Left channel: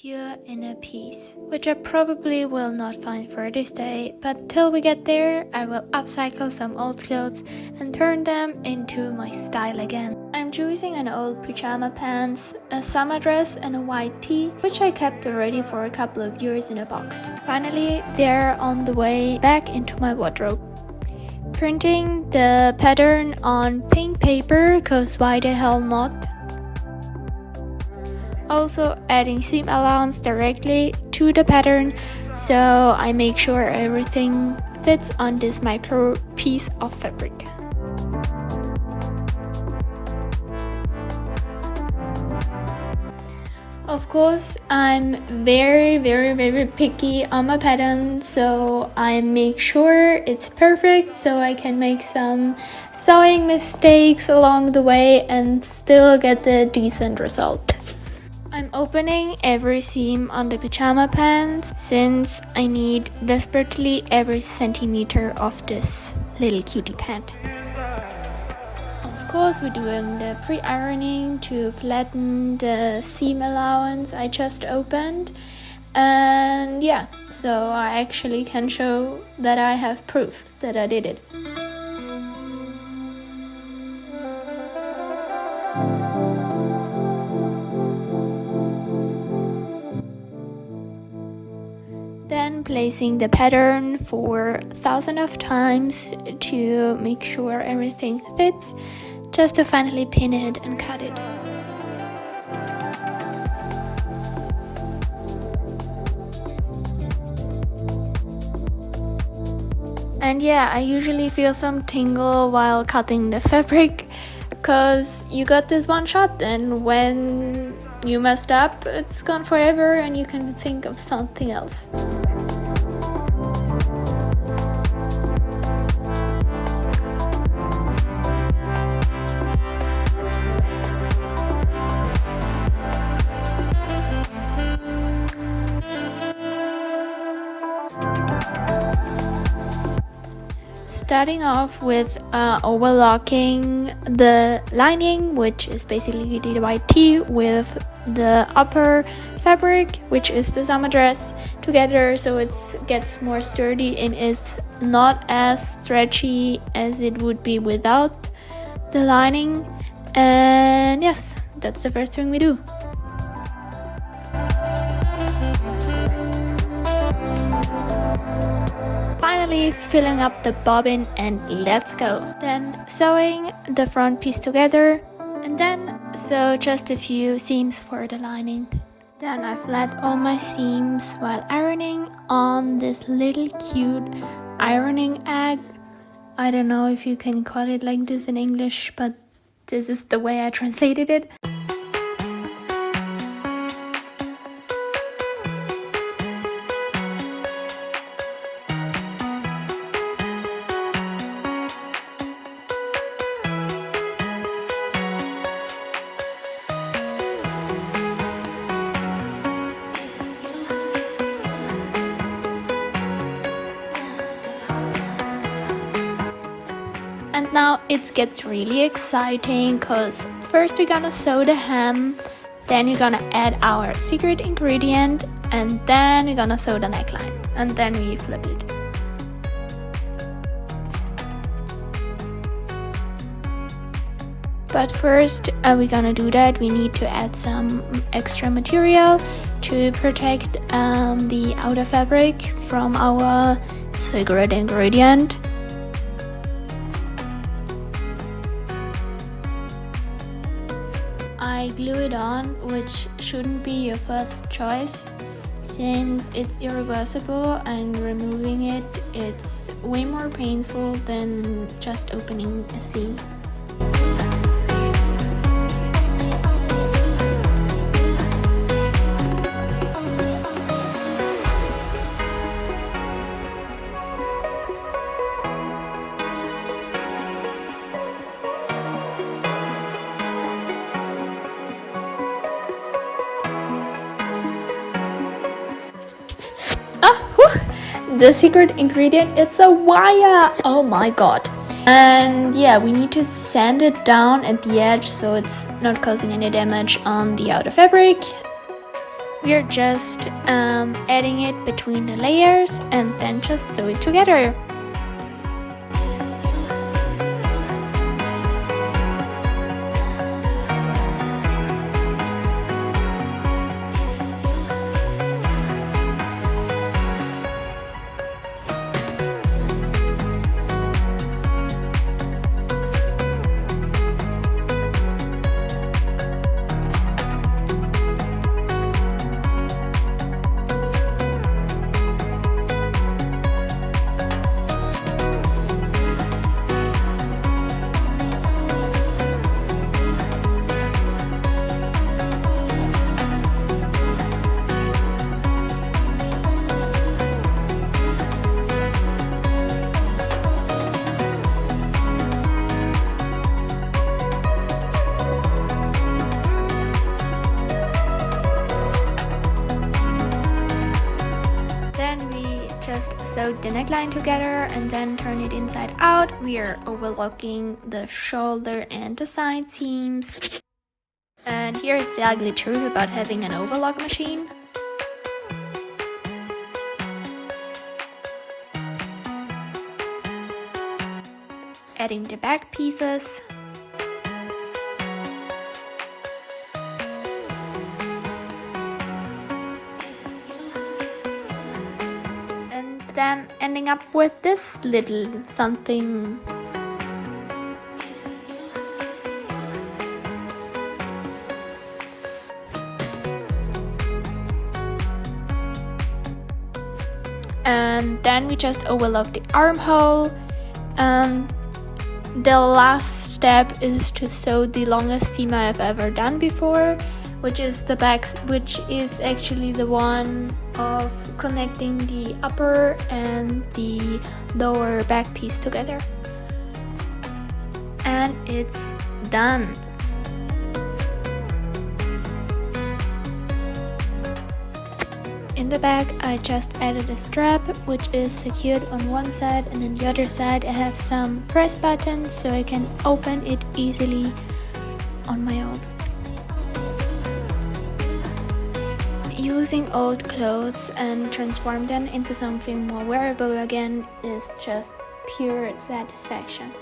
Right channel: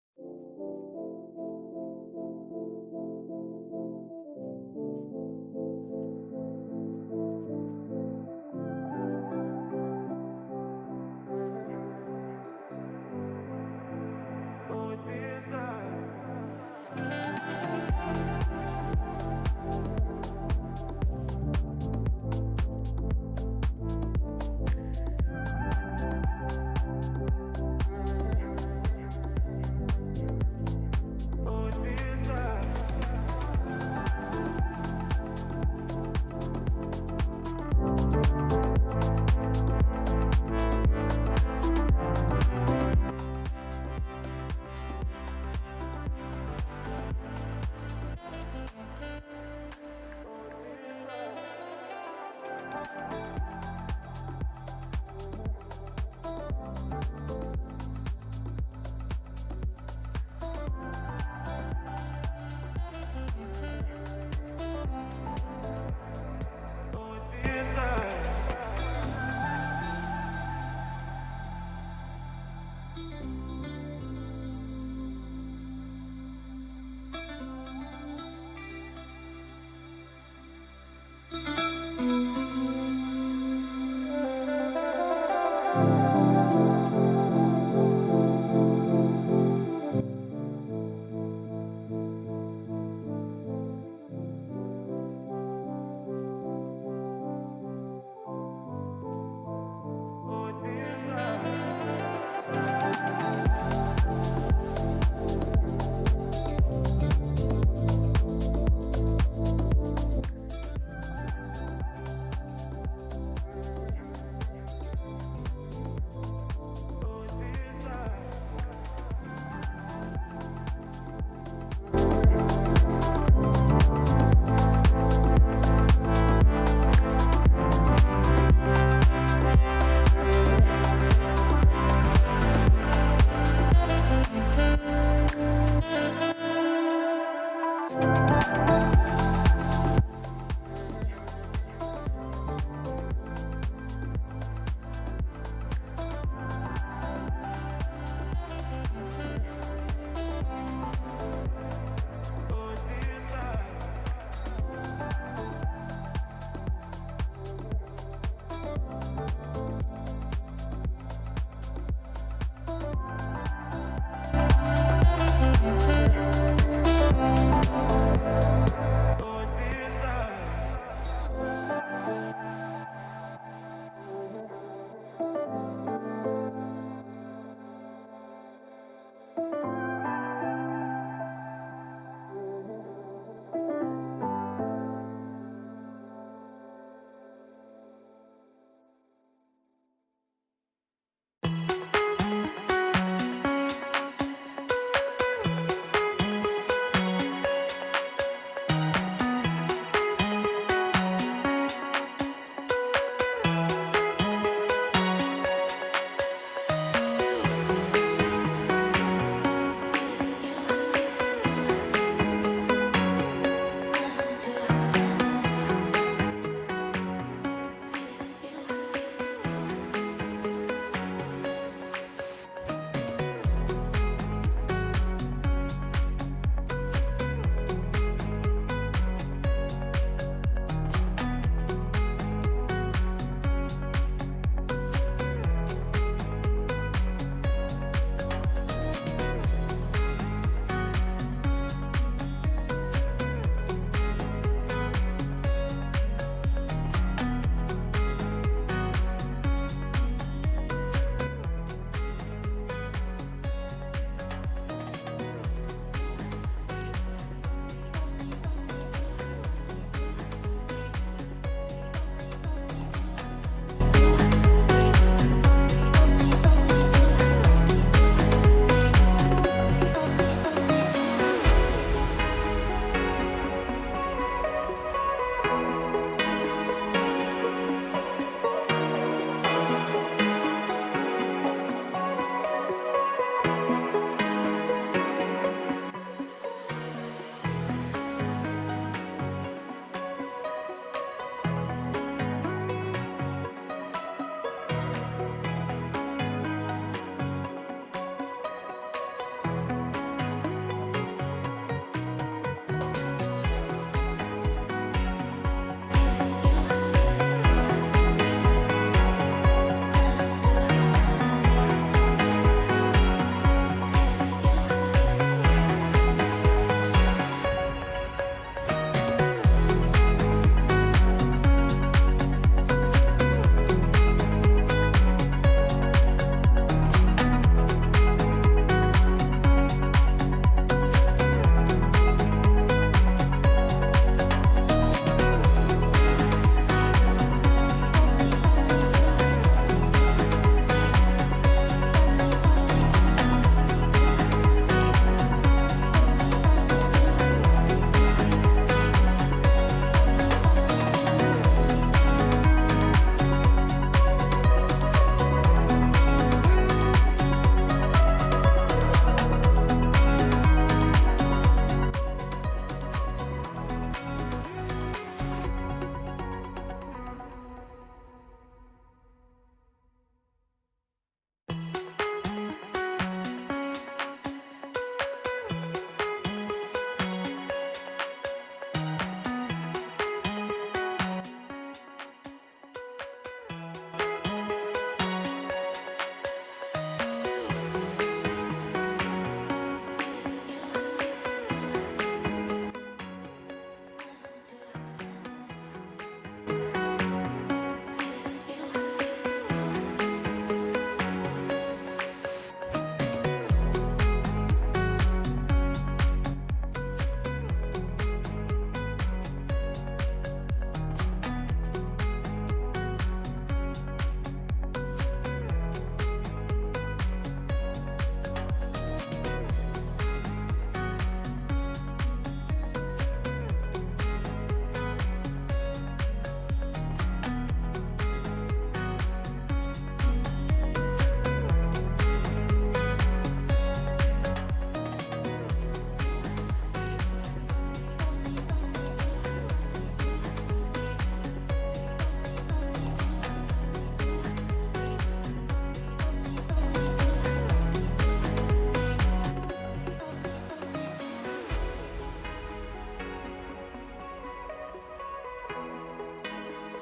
pure inner peace, which I probably will not find for this day, but till we get there, I will upcycle some old clothes and turn them into my style again. I'm choosing an old pyjama pants, a summer dress and a white tee, which I kept already for a couple of years in a box. Finally, they're on the way back into my wardrobe. Printing the pattern on pink paper, cause why the hell not? Also adding seam allowance directly to the pattern, so I make sure everything fits on this micro piece of fabric. Of course, I'm very picky on my pattern, so I make sure it's perfect so I can make some sewing mistakes along the way and still get the decent result. I'm opening every seam on the pyjama pants since I need desperately every centimeter of this little cutie pant. Of course, we're doing the pre-ironing to flatten the seam allowance I just opened, and yeah, so I actually can show that I have proof that I did it. Then placing the pattern for thousands of times to make sure everything fits, just to finally pin it and cut it. And yeah, I usually feel some tingle while cutting the fabric, because you got this one shot, and when you messed up, it's gone forever and you can think of something else. Starting off with overlocking the lining, which is basically the white tee, with the upper fabric, which is the summer dress, together so it gets more sturdy and is not as stretchy as it would be without the lining. And yes, that's the first thing we do. Finally filling up the bobbin and let's go. Then sewing the front piece together and then sew just a few seams for the lining. Then I flat all my seams while ironing on this little cute ironing egg. I don't know if you can call it like this in English, but this is the way I translated it. Now it gets really exciting, because first we're gonna sew the hem, then we're gonna add our secret ingredient, and then we're gonna sew the neckline, and then we flip it. But first we're gonna do that, we need to add some extra material to protect the outer fabric from our secret ingredient. Glue it on, which shouldn't be your first choice since it's irreversible, and removing it, it's way more painful than just opening a seam. The secret ingredient, it's a wire. Oh my god. And yeah, we need to sand it down at the edge so it's not causing any damage on the outer fabric. we're just adding it between the layers and then just sew it together. Sewed the neckline together and then turn it inside out. We are overlocking the shoulder and the side seams. And here is the ugly truth about having an overlock machine. Adding the back pieces. Then ending up with this little something. And then we just overlock the armhole. The last step is to sew the longest seam I've ever done before, which is the back, which is actually the one of connecting the upper and the lower back piece together. And it's done. In the back I just added a strap which is secured on one side, and on the other side I have some press buttons so I can open it easily on my own. Using old clothes and transform them into something more wearable again is just pure satisfaction.